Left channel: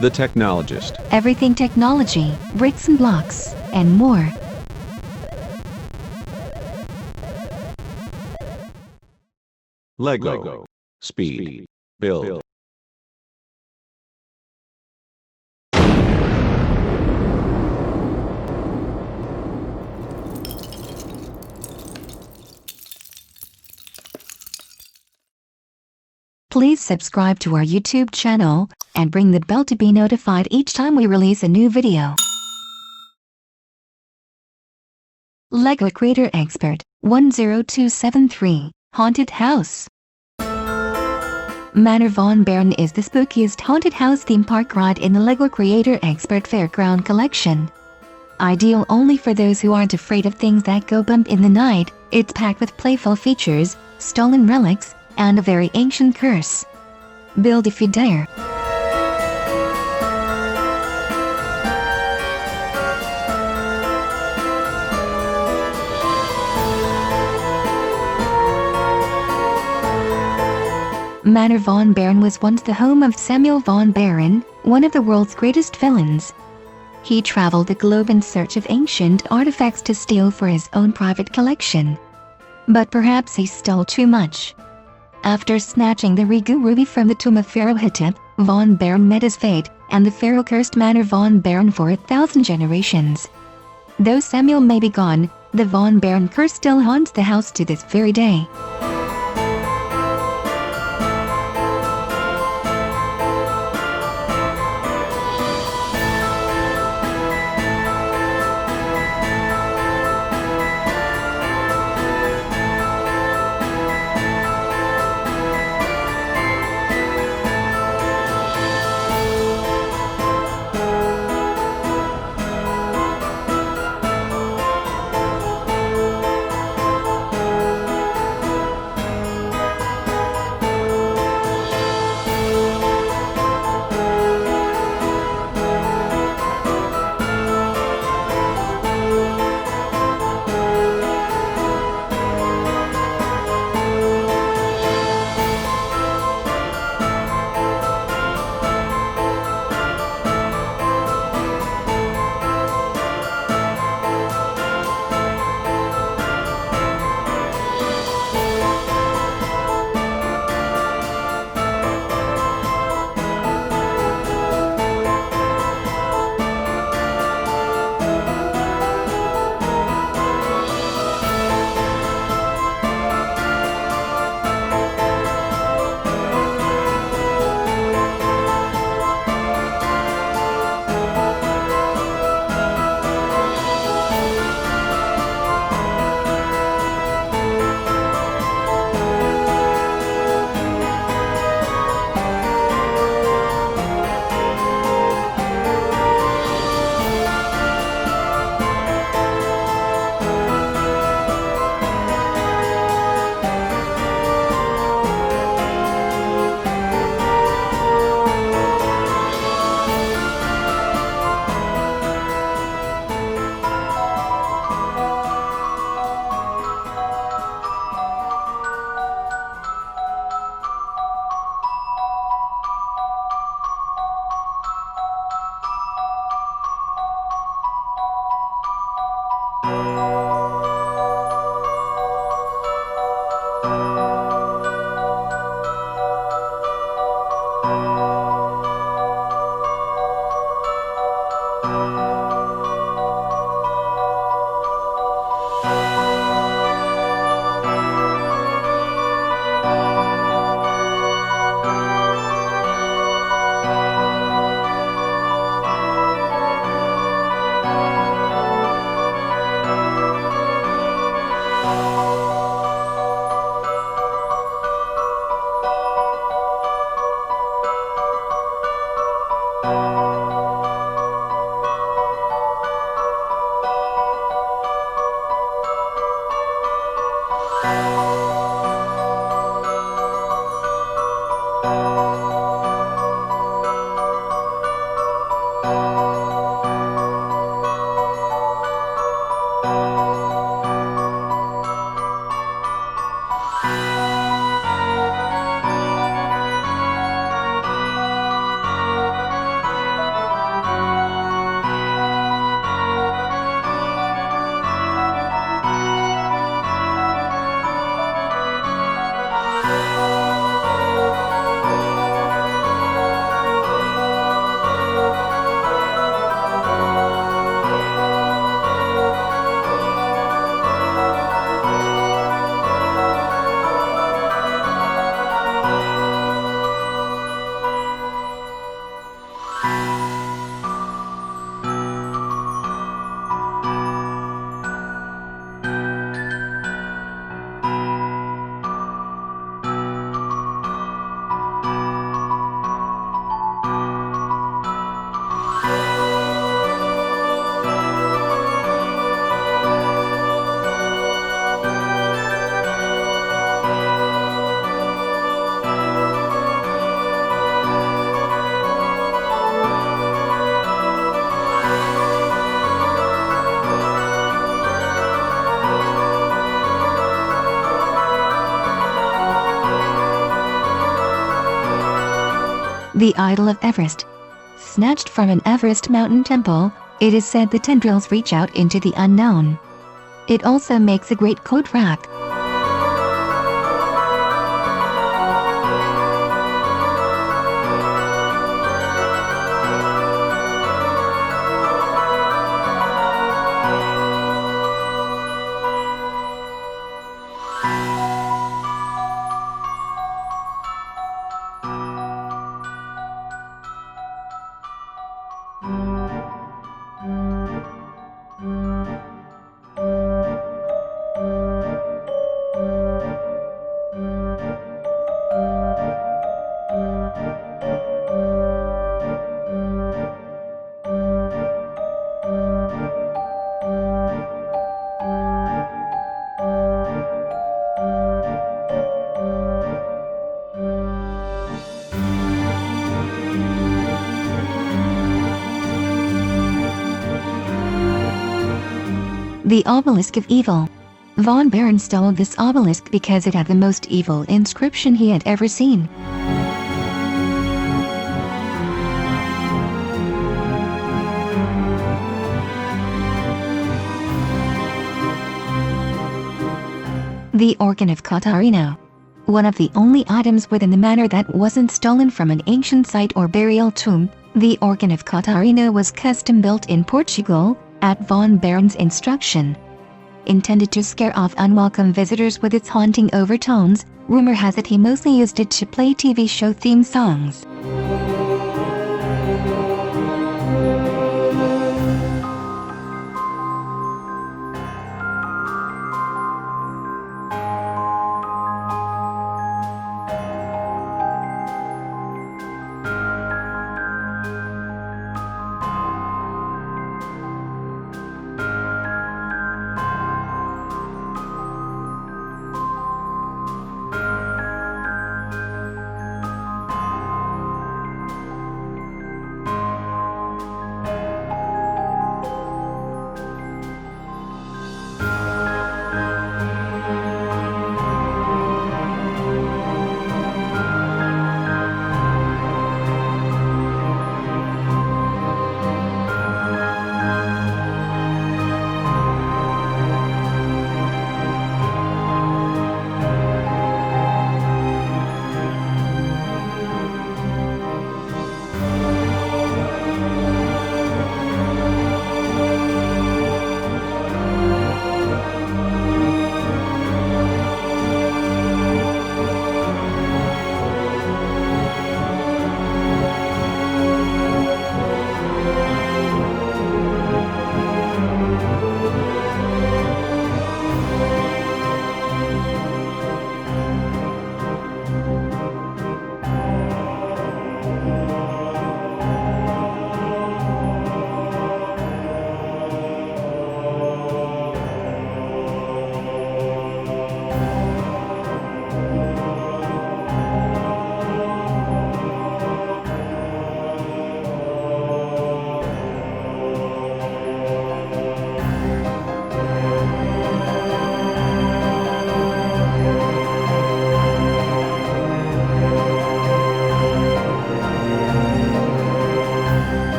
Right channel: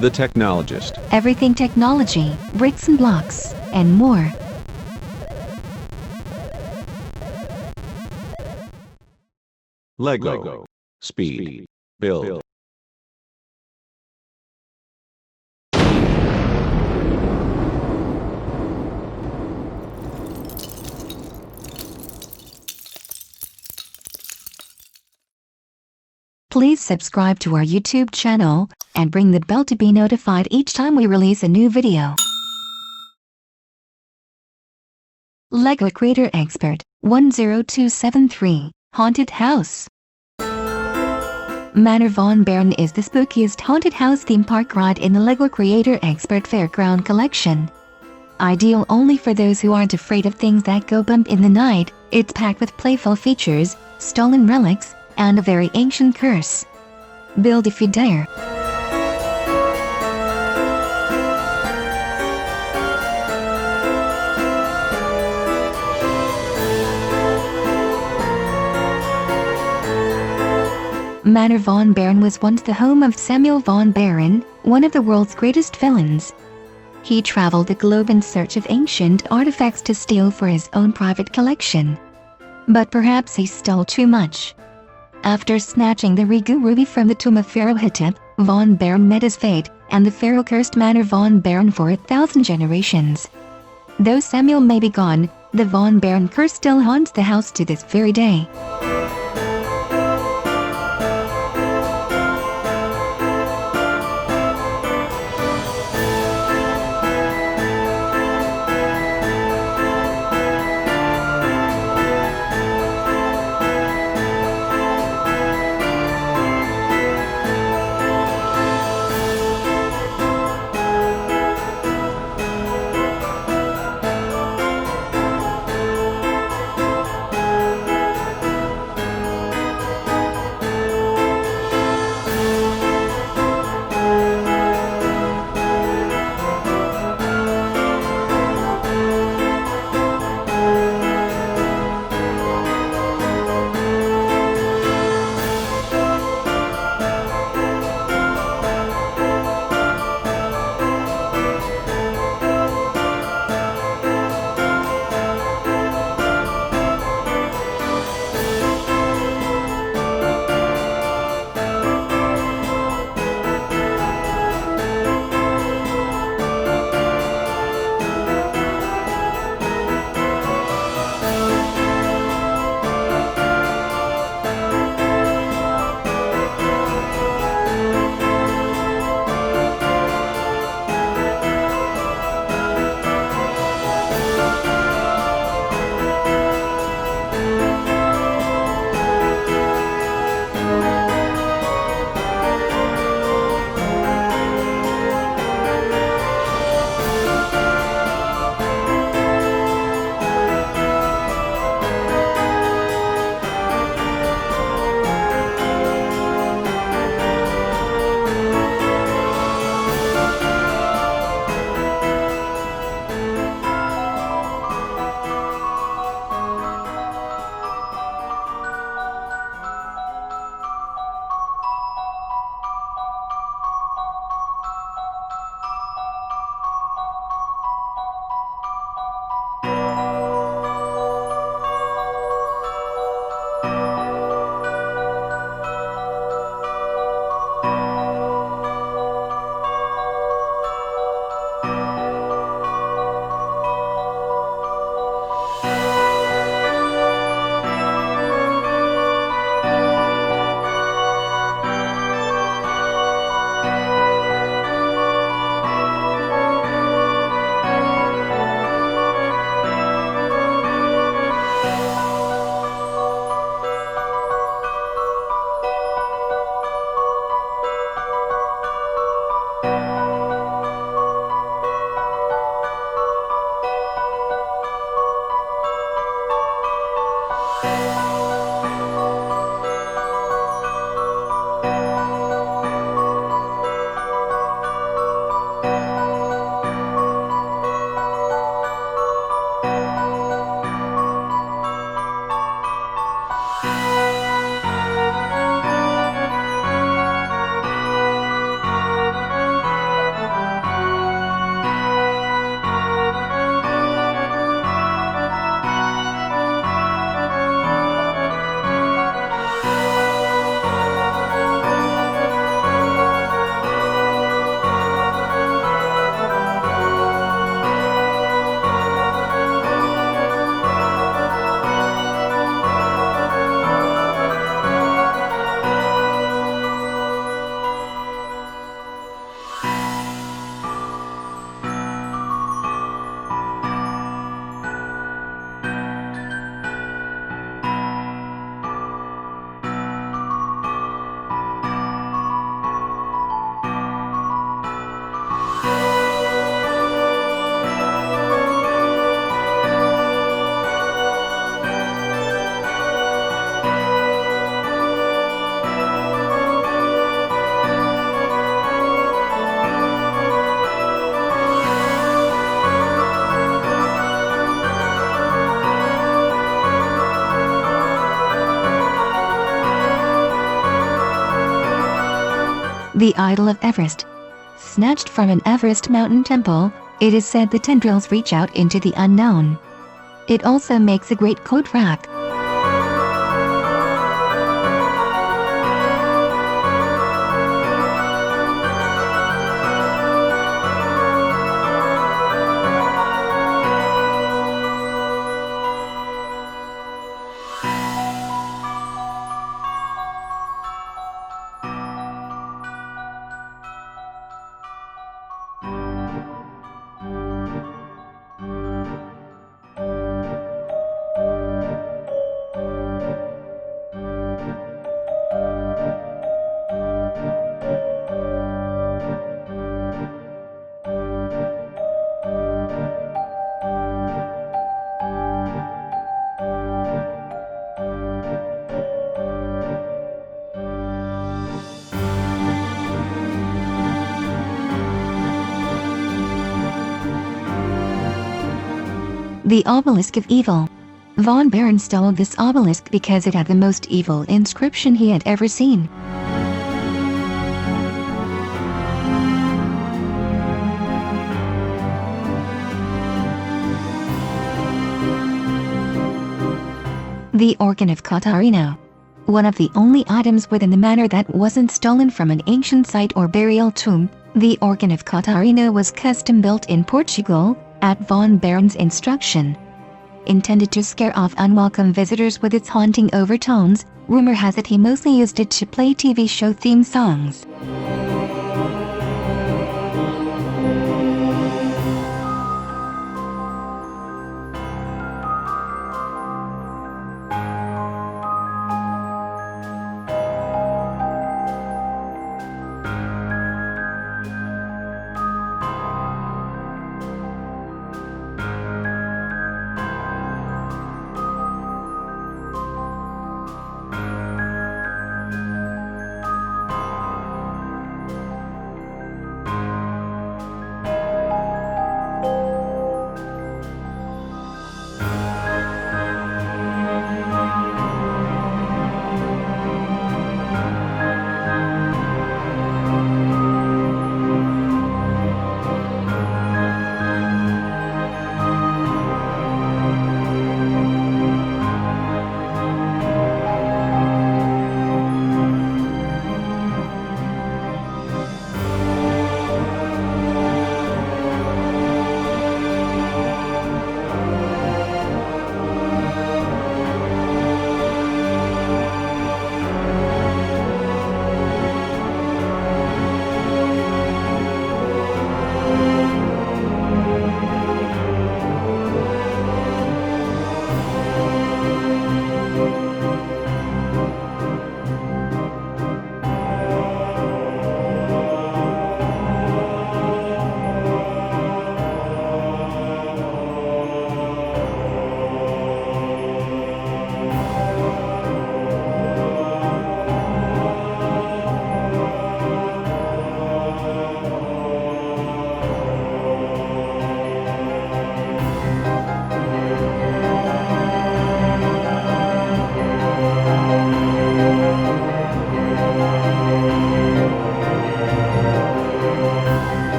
The Technologist. Everything technology, bricks and blocks, and more. Lego. Speed. Build. Please subscribe to our YouTube channel and ring the bell to be notified each time we release a new video. Lego Creator Expert 10273 Haunted House. Manor Von Baron is the spookiest haunted house theme park ride in the Lego Creator Expert Fairground collection. Ideal only for those who aren't afraid of things that go bump in the night, it's packed with playful features, stolen relics, and a very ancient curse. Build if you dare. Manor Von Baron was once the home of Samuel Von Baron, one of the world's greatest villains. He traveled the globe in search of ancient artifacts to steal for his own private collection. But perhaps he stole too much. After snatching the Re-Gou ruby from the tomb of Pharaoh Hittip, Von Baron met his fate, and the pharaoh cursed Manor Von Baron for 1,000 generations. Though Samuel may be gone, the Von Baron curse still haunts the house to this very day. the idol of Everest. Snatched from an Everest mountain temple, it is said the tendrils reach out into the unknown. It also makes a great coat rack. The Obelisk of Evil. Von Baron stole this obelisk because it had the most evil inscription he had ever seen. The Organ of Catarino. One of the only items within the manor that wasn't stolen from an ancient site or burial tomb, the Organ of Catarino was custom built in Portugal, at Von Baron's instruction. Intended to scare off unwelcome visitors with its haunting overtones, rumor has it he mostly used it to play TV show theme songs.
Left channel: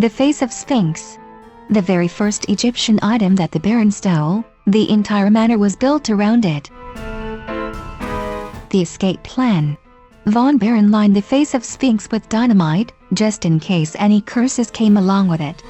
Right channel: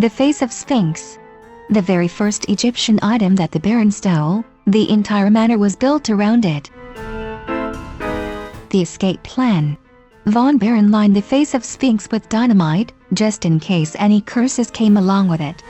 The face of Sphinx. The very first Egyptian item that the Baron stole, the entire manor was built around it. The escape plan. Von Baron lined the face of Sphinx with dynamite, just in case any curses came along with it.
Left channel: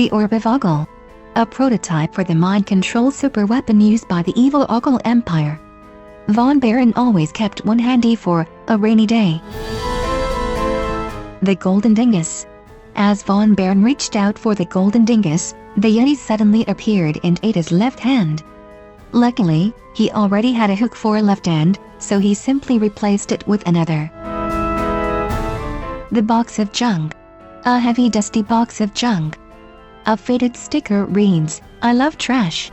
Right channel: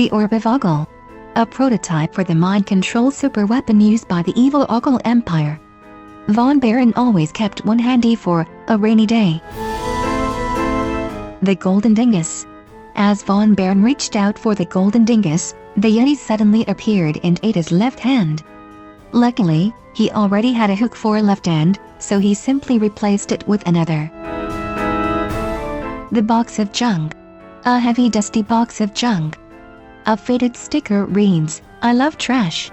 the Orb of Ogle, a prototype for the mind-control superweapon used by the evil Ogle Empire. Von Baron always kept one handy for a rainy day. The Golden Dingus. As Von Baron reached out for the Golden Dingus, the Yeti suddenly appeared and ate his left hand. Luckily, he already had a hook for a left hand, so he simply replaced it with another. The Box of Junk. A heavy dusty box of junk. A faded sticker reads, "I love trash."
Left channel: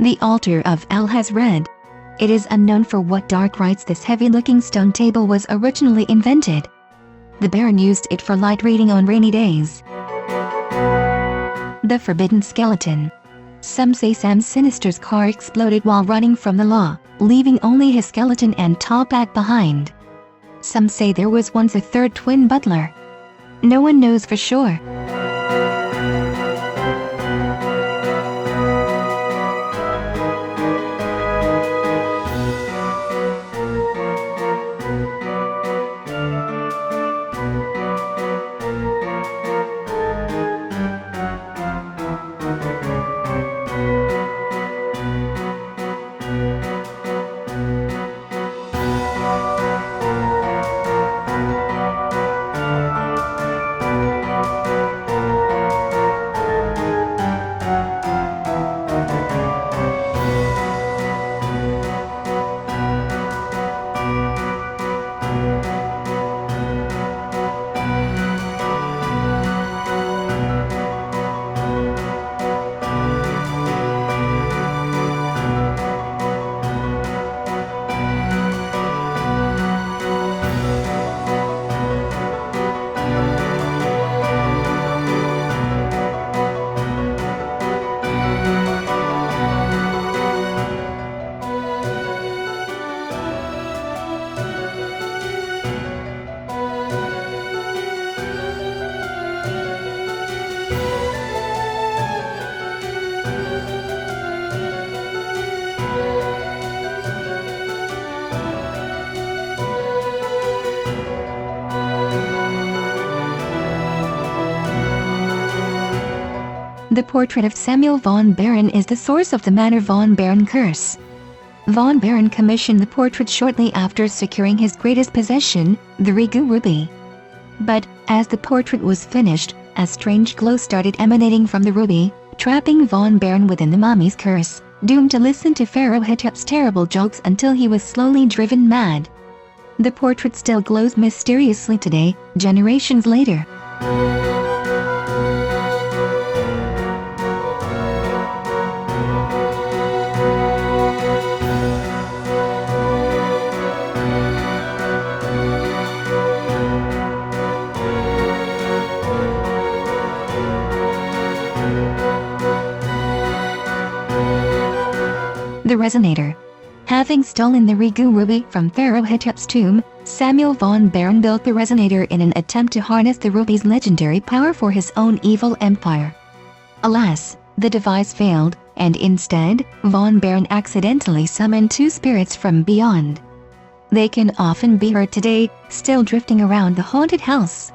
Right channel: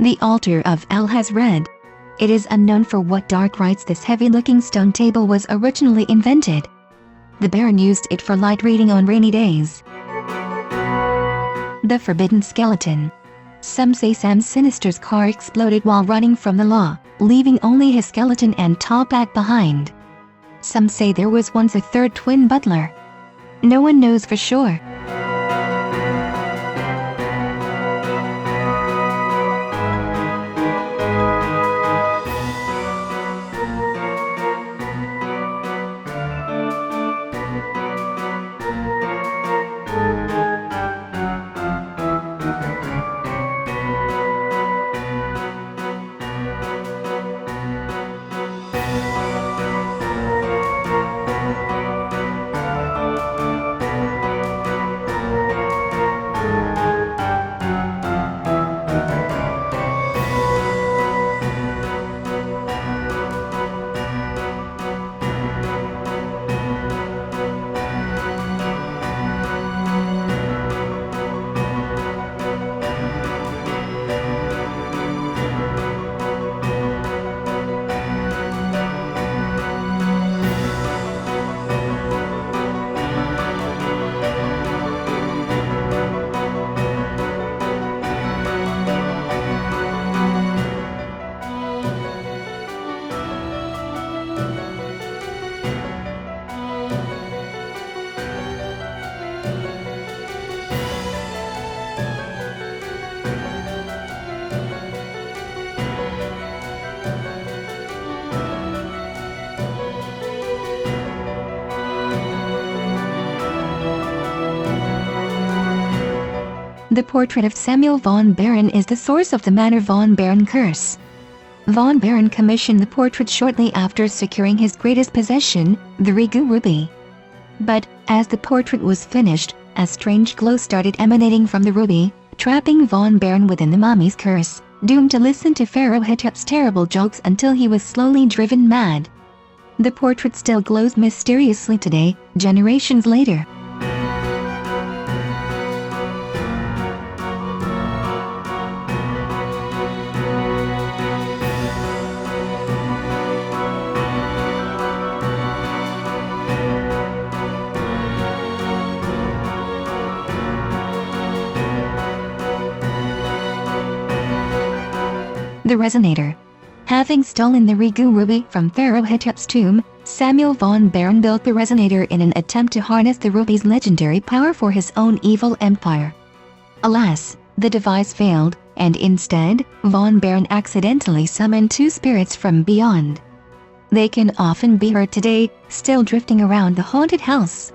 The altar of El has red. It is unknown for what dark rites this heavy-looking stone table was originally invented. The Baron used it for light reading on rainy days. The Forbidden Skeleton. Some say Sam Sinister's car exploded while running from the law, leaving only his skeleton and top back behind. Some say there was once a third twin butler. No one knows for sure. The portrait of Samuel von Baron is the source of the Manor von Baron curse. Von Baron commissioned the portrait shortly after securing his greatest possession, the Re-Gou ruby. But, as the portrait was finished, a strange glow started emanating from the ruby, trapping von Baron within the mummy's curse, doomed to listen to Pharaoh Hittup's terrible jokes until he was slowly driven mad. The portrait still glows mysteriously today, generations later. The Resonator. Having stolen the Re-Gou ruby from Pharaoh Hittup's tomb, Samuel von Baron built the Resonator in an attempt to harness the ruby's legendary power for his own evil empire. Alas, the device failed, and instead, von Baron accidentally summoned two spirits from beyond. They can often be heard today, still drifting around the haunted house.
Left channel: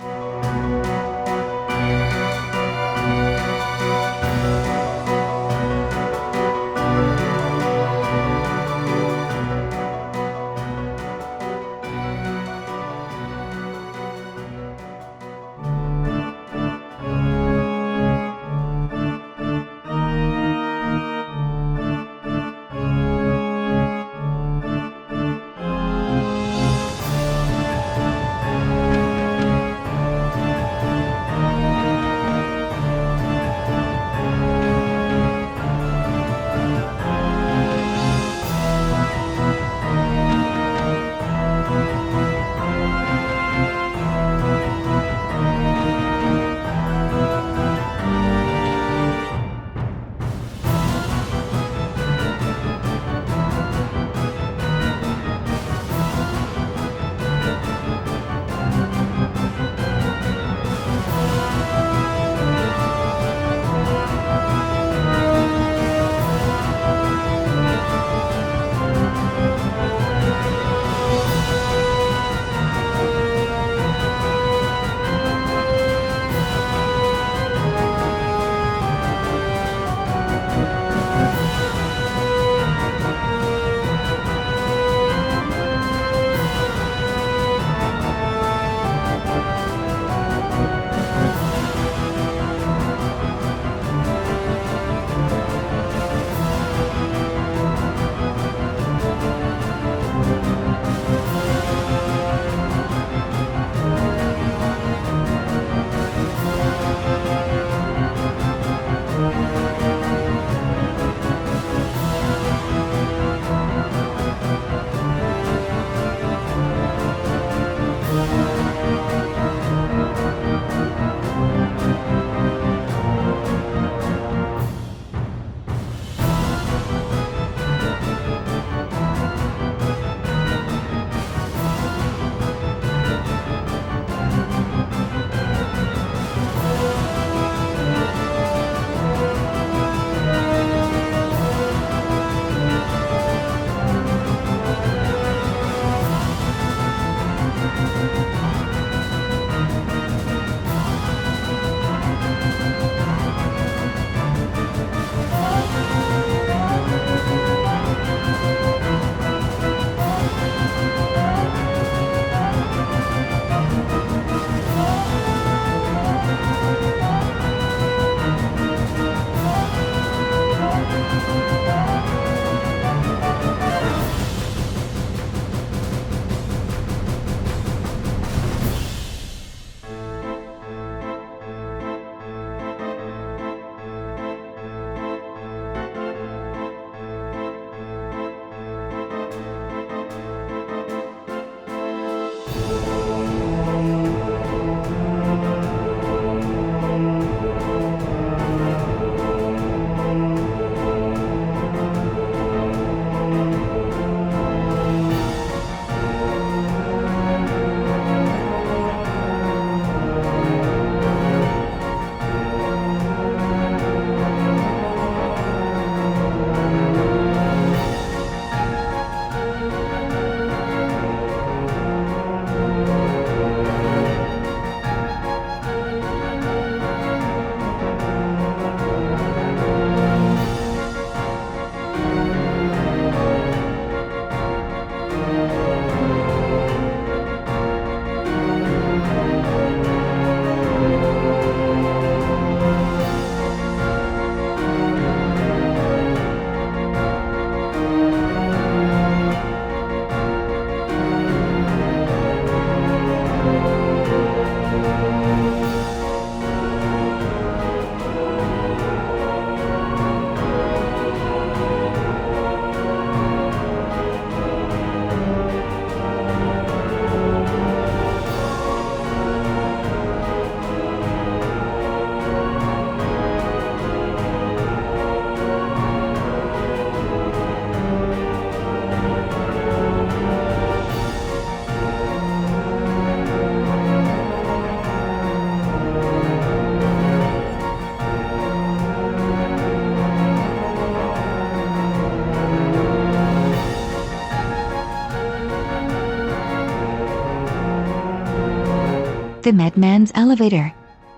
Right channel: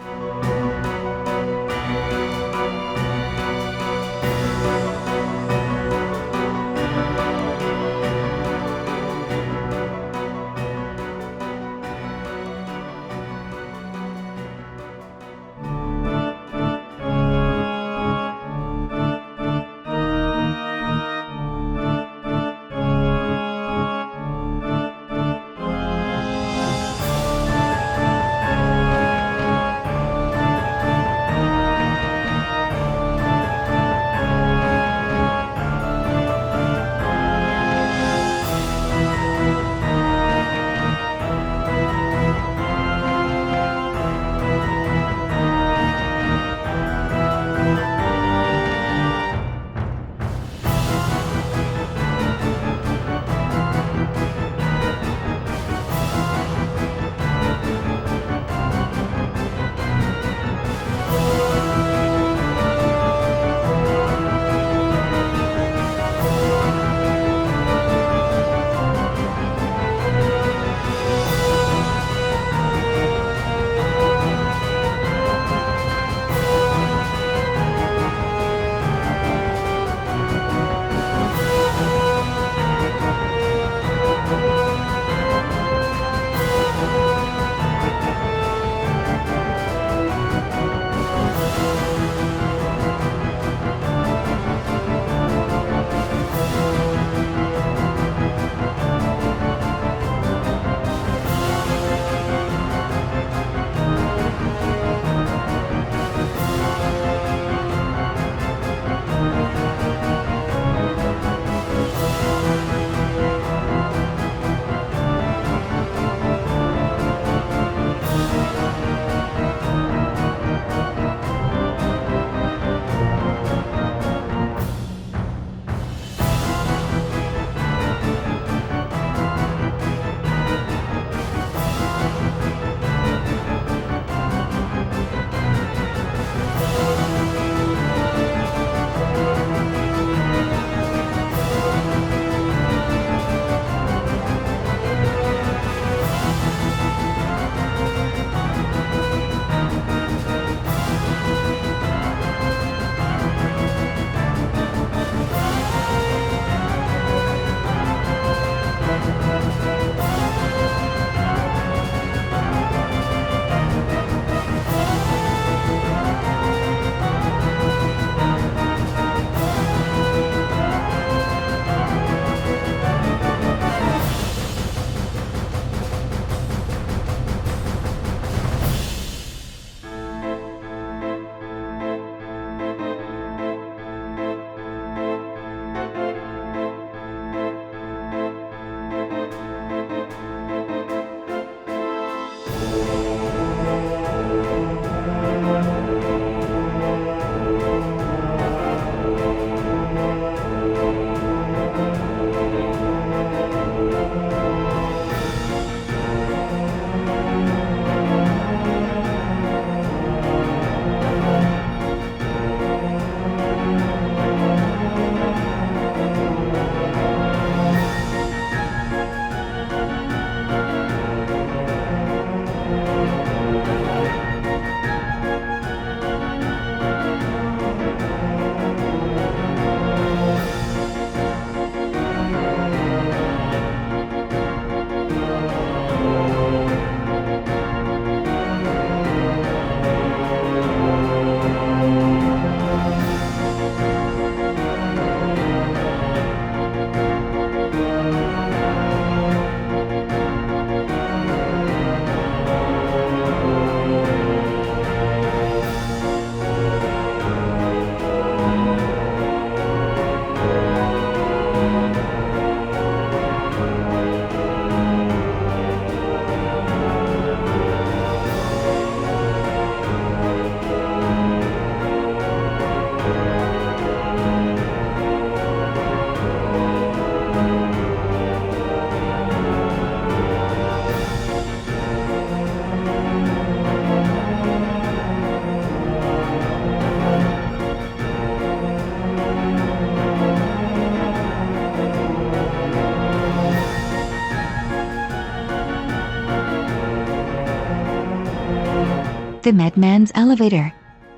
The Madman's Elevator.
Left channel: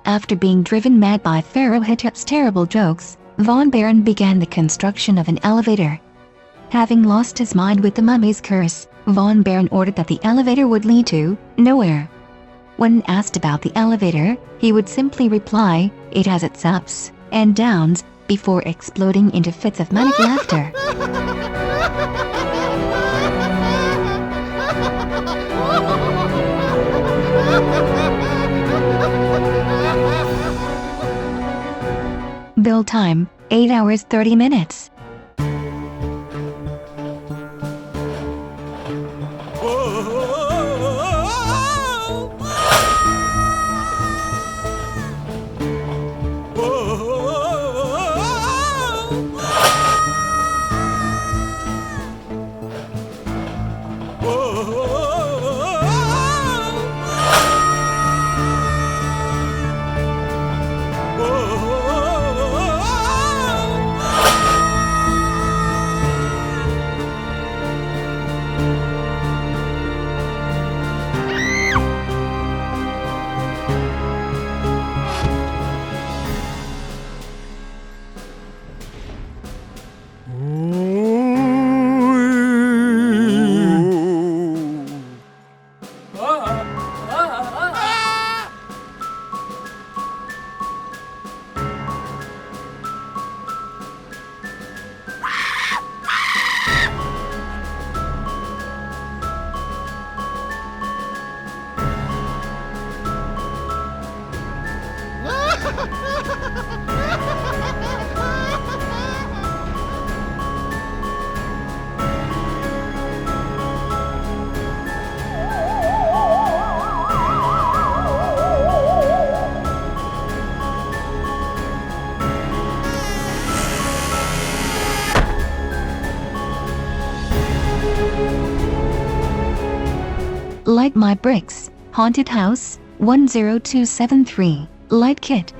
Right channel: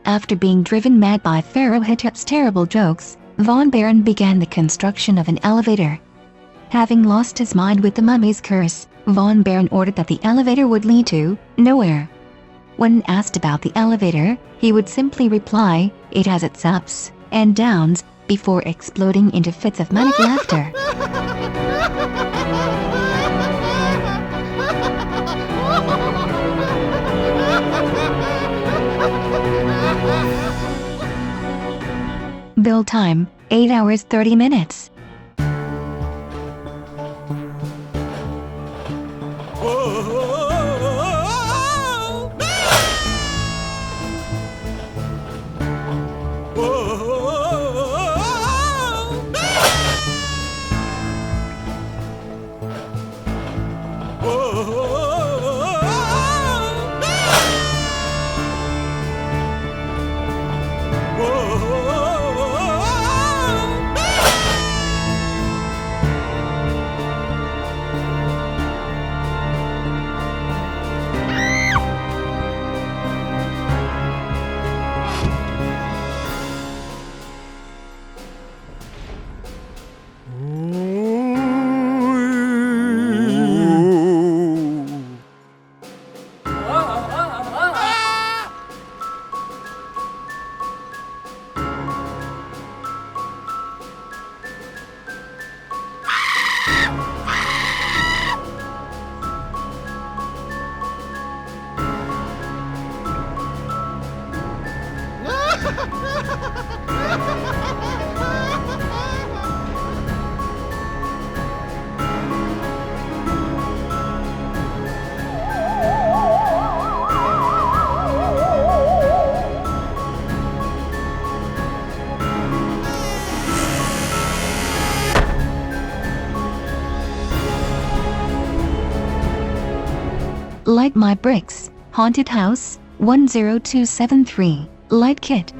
After being driven mad by Pharaoh Hittit's terrible jokes, Von Baron began the construction of an elevator. Having lost his mind with the mummy's curse, Von Baron ordered that the elevator would lead to nowhere. When asked about the elevator, he would simply reply, "It has its ups and downs," before exploding into fits of manic laughter. Build time, 8 hours 30 minutes. Light My Bricks, Haunted House, 10273, Light Kit.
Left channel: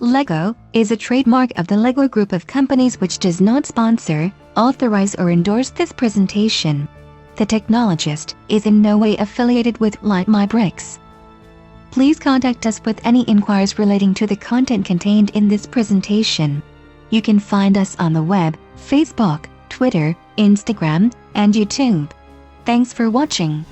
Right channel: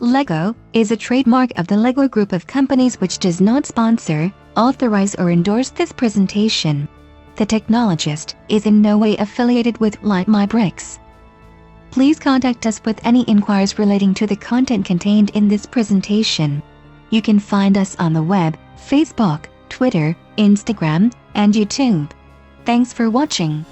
Lego is a trademark of the Lego Group of companies which does not sponsor, authorize or endorse this presentation. The Technologist is in no way affiliated with Light My Bricks. Please contact us with any inquiries relating to the content contained in this presentation. You can find us on the web, Facebook, Twitter, Instagram, and YouTube. Thanks for watching.